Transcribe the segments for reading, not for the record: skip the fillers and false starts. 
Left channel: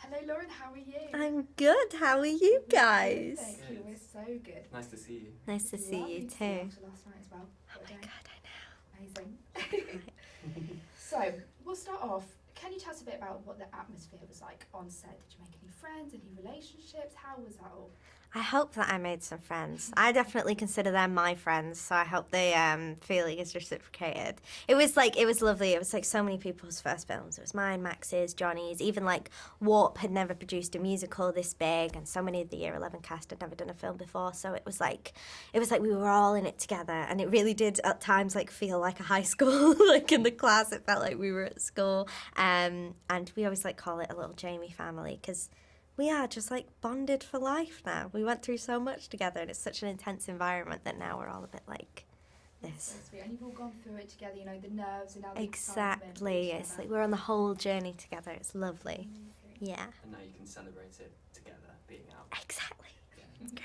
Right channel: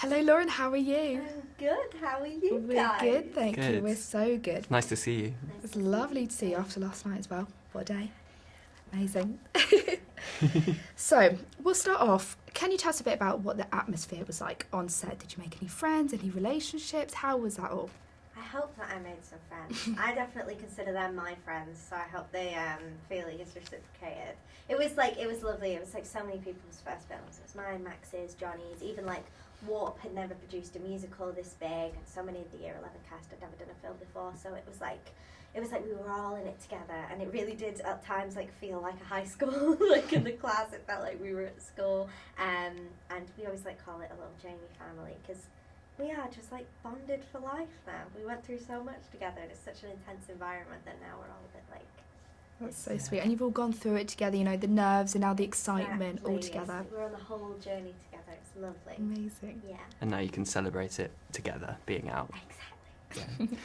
Hello, Lauren. How are you? I'm good. How are you guys? Good, thank you. Good. We're so good. Nice to see you. Nice It's to lovely see to see you too. after last night as well. What a day. Amazing. So, we'll start off. Can you tell us a bit about what the atmosphere was like on set? Did you make any friends, any relationships? How was that all? I hope that I made some friends. I definitely consider them my friends, so I hope the feeling is reciprocated. It was lovely. It was like so many people's first films. It was mine, Max's, Johnny's. Even like Warp had never produced a musical this big, and so many of the Year 11 cast had never done a film before. So it was like we were all in it together, and it really did at times like feel like a high school. Like in the class, it felt like we were at school. And we always like call it a little Jamie family because we are just like bonded for life now. We went through so much together, and it's such an intense environment that now we're all a bit like That's this. so sweet. And you've all gone through it together, you know, the nerves and now the excitement all It's together. like we're on the whole journey together. It's lovely. Amazing. Yeah, And now you can celebrate it together, being out. exactly.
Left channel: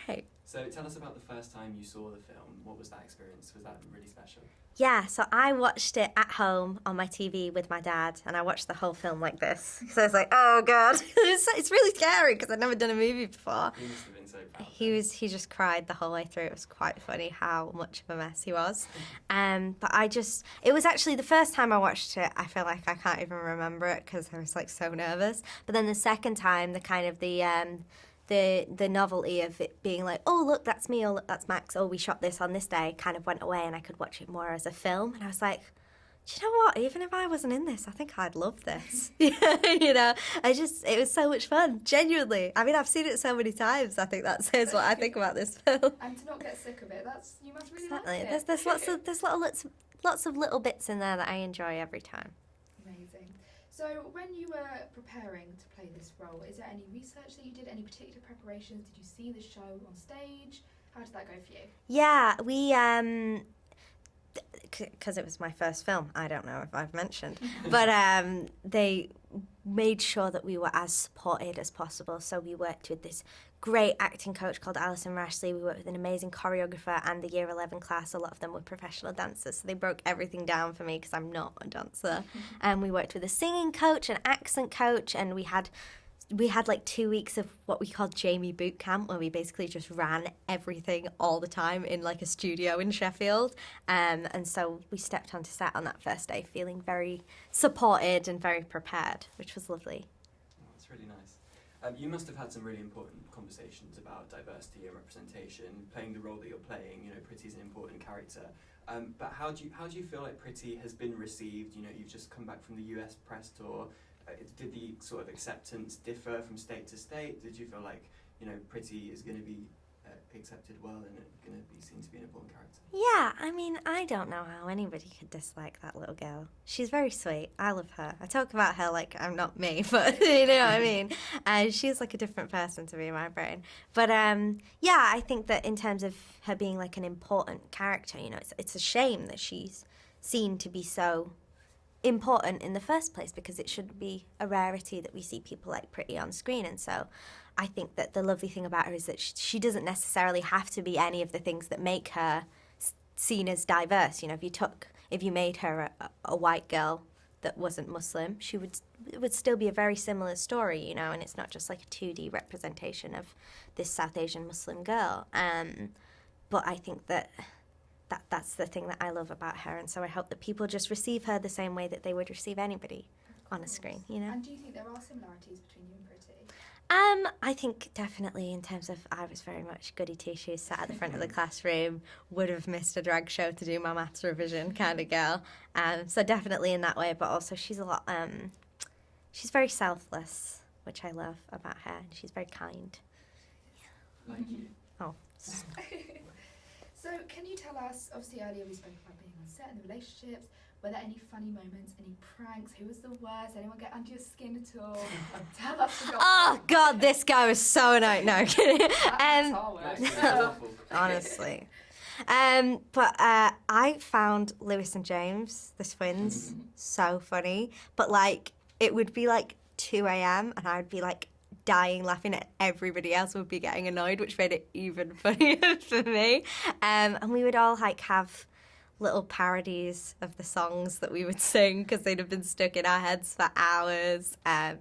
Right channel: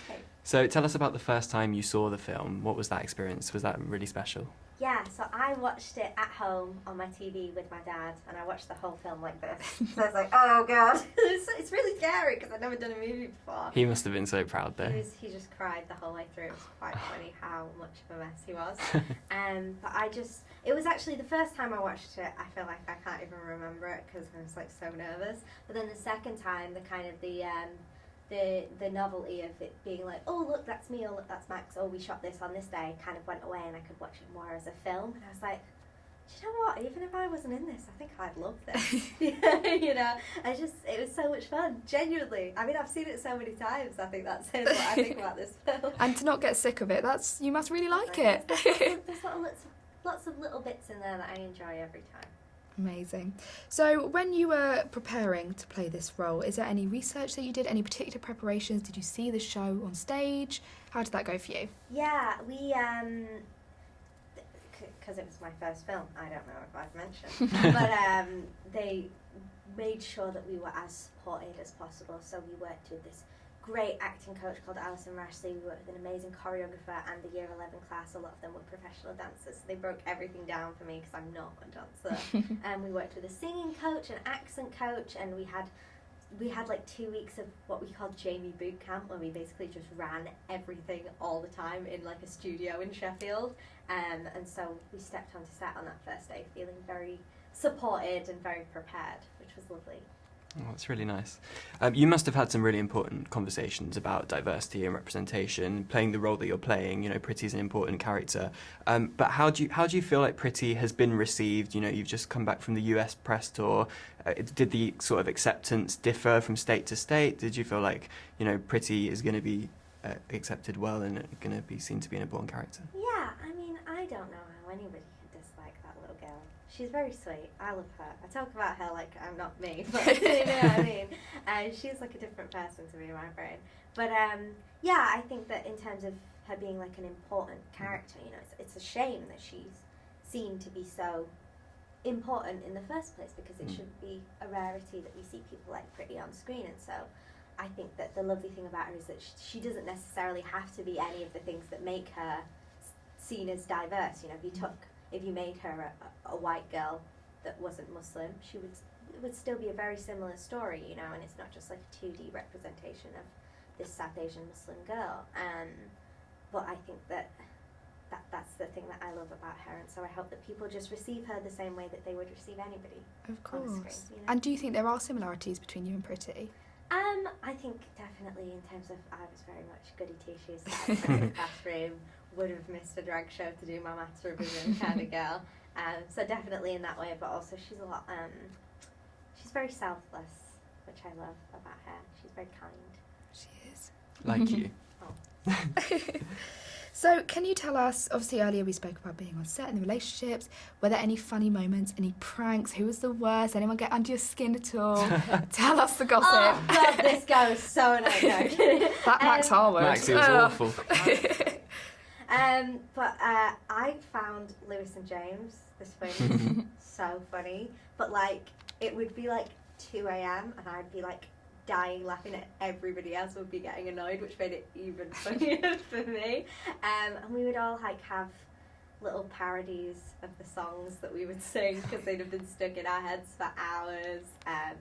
Okay. So tell us about the first time you saw the film. What was that experience? Was that really special? Yeah, so I watched it at home on my TV with my dad, and I watched the whole film like this. So I was like, oh God. It's really scary because I'd never done a movie before. He must have been so proud then. He just cried the whole way through. It was quite funny how much of a mess he was. But it was actually the first time I watched it, I feel like I can't even remember it because I was like so nervous. But then the second time, the kind of the novelty of it being like, oh look, that's me, oh look, that's Max, oh we shot this on this day, kind of went away, and I could watch it more as a film. And I was like, do you know what, even if I wasn't in this, I think I'd love this. You know, it was so much fun, genuinely. I mean, I've seen it so many times. I think that says what I think about this film. And to not get sick of it, you must really like Exactly. it. There's lots of little bits in there that I enjoy every time. Amazing. So when you were preparing to play this role, is there any research that you did, any particular preparations? Did you see the show on stage? How did that go for you? Yeah, we because it was my first film, I don't know if I've mentioned, but they made sure that we were as supported as possible. So we worked with this great acting coach called Alison Rashley. We worked with an amazing choreographer and the Year 11 class. A lot of them were professional dancers, so they broke everything down for me because I'm not a dancer. And we worked with a singing coach, an accent coach, and we had like 2 weeks of what we called Jamie boot camp, where we basically just ran everything all the time in like a studio in Sheffield. And so we stepped onto set on that first day feeling very supported and very prepared, which was lovely. Oh, that's really nice. You must have had some really important conversations about diversity and representation, playing the role that you're playing. You know, Pretty's an important character. But how do you feel like Pretty has been received? You know, you've just come back from the US press tour. Did the sort of acceptance differ from state to state? Did you feel like, you know, Pretty is going to be accepted well and going to be seen to be an important character? Yeah, I mean, I don't know how anybody could dislike that little girl. She's very sweet. I love her. I talk about her like I'm not me, but you know what I mean? She's like a different person to me in my brain. But yeah, I think that in terms of her being like an important character, you know, it's a shame that she's seen to be so important in the first place, because it should be a rarity that we see people like Pretty on screen. And so I think that the lovely thing about her is that she doesn't necessarily have to be any of the things that make her seen as diverse. You know, if you made her a white girl that wasn't Muslim, it would still be a very similar story, you know, and it's not just like a 2D representation of this South Asian Muslim girl. But I think that's the thing that I love about her, and so I hope that people just receive her the same way that they would receive anybody on the screen. You know? And do you think there are similarities between you and Pretty? I think definitely in terms of I was very much goody two-shoes, sat at the front of the classroom, would have missed a drag show to do my maths revision kind of girl. So definitely in that way, but also she's a lot, she's very selfless, which I love about her. She's very kind. She is. Like you. Oh. So can you tell us, obviously earlier we spoke about being on set and the relationships, were there any funny moments, any pranks, who was the worst, anyone get under your skin at all? Tell us the gossip. Oh God, this guy was so annoying. No, kidding. That Max Harwood. Max, it was awful. Honestly. But I found Lewis and James, the twins, so funny. But like, it would be like 2 a.m. and I'd be like dying laughing at everybody else would be getting annoyed, which made it even funnier for me. And we would all like have little parodies of the songs that we would sing because they'd have been stuck in our heads for hours.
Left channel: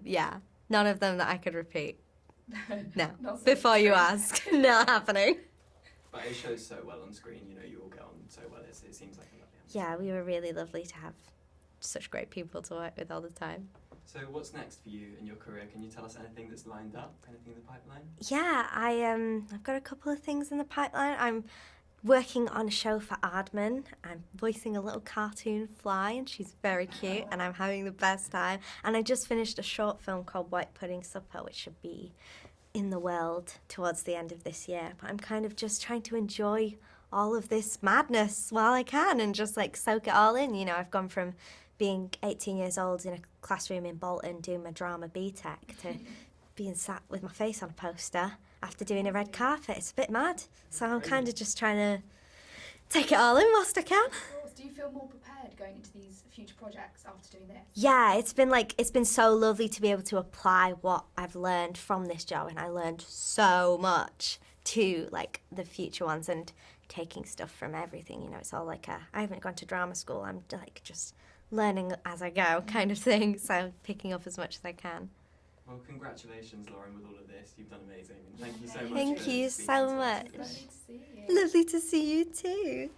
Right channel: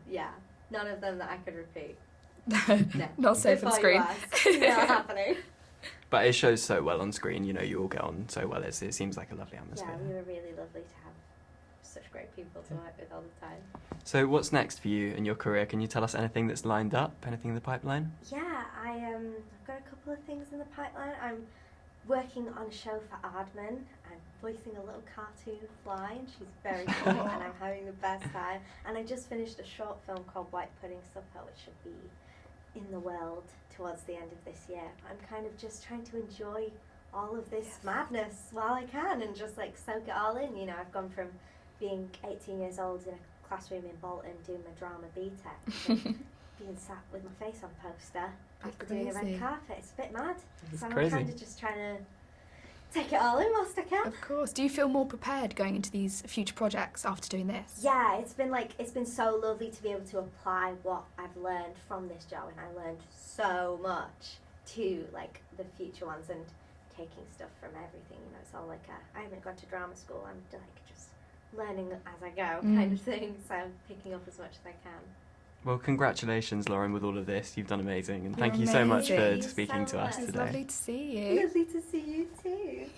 Yeah, None of them that I could repeat. No. Not safe Before on you screen. ask. Not happening. But it shows so well on screen. You know, you all get on so well. It seems like a lovely atmosphere. Yeah, we were really lovely to have such great people to work with all the time. So what's next for you in your career? Can you tell us anything that's lined up? Anything in the pipeline? Yeah, I've got a couple of things in the pipeline. I'm working on a show for Aardman. I'm voicing a little cartoon fly, and she's very cute, and I'm having the best time. And I just finished a short film called White Pudding Supper, which should be in the world towards the end of this year. But I'm kind of just trying to enjoy all of this madness while I can and just like soak it all in. You know, I've gone from being 18 years old in a classroom in Bolton doing my drama BTEC to being sat with my face on a poster after doing a red Crazy. carpet. It's a bit mad. It's So crazy. I'm kind of just trying to take it all in whilst I can. Of course. Do you feel more prepared going into these future projects after doing this? Yeah, it's been so lovely to be able to apply what I've learned from this job, and I learned so much to like the future ones and taking stuff from everything. You know, it's all like I haven't gone to drama school. I'm like just learning as I go kind of thing. So picking up as much as I can. Well, congratulations, Lauren, with all of this. You've done amazing, and thank You're you so much amazing. for Thank you speaking so to much. us It's today. lovely to see you. Lovely to see you too.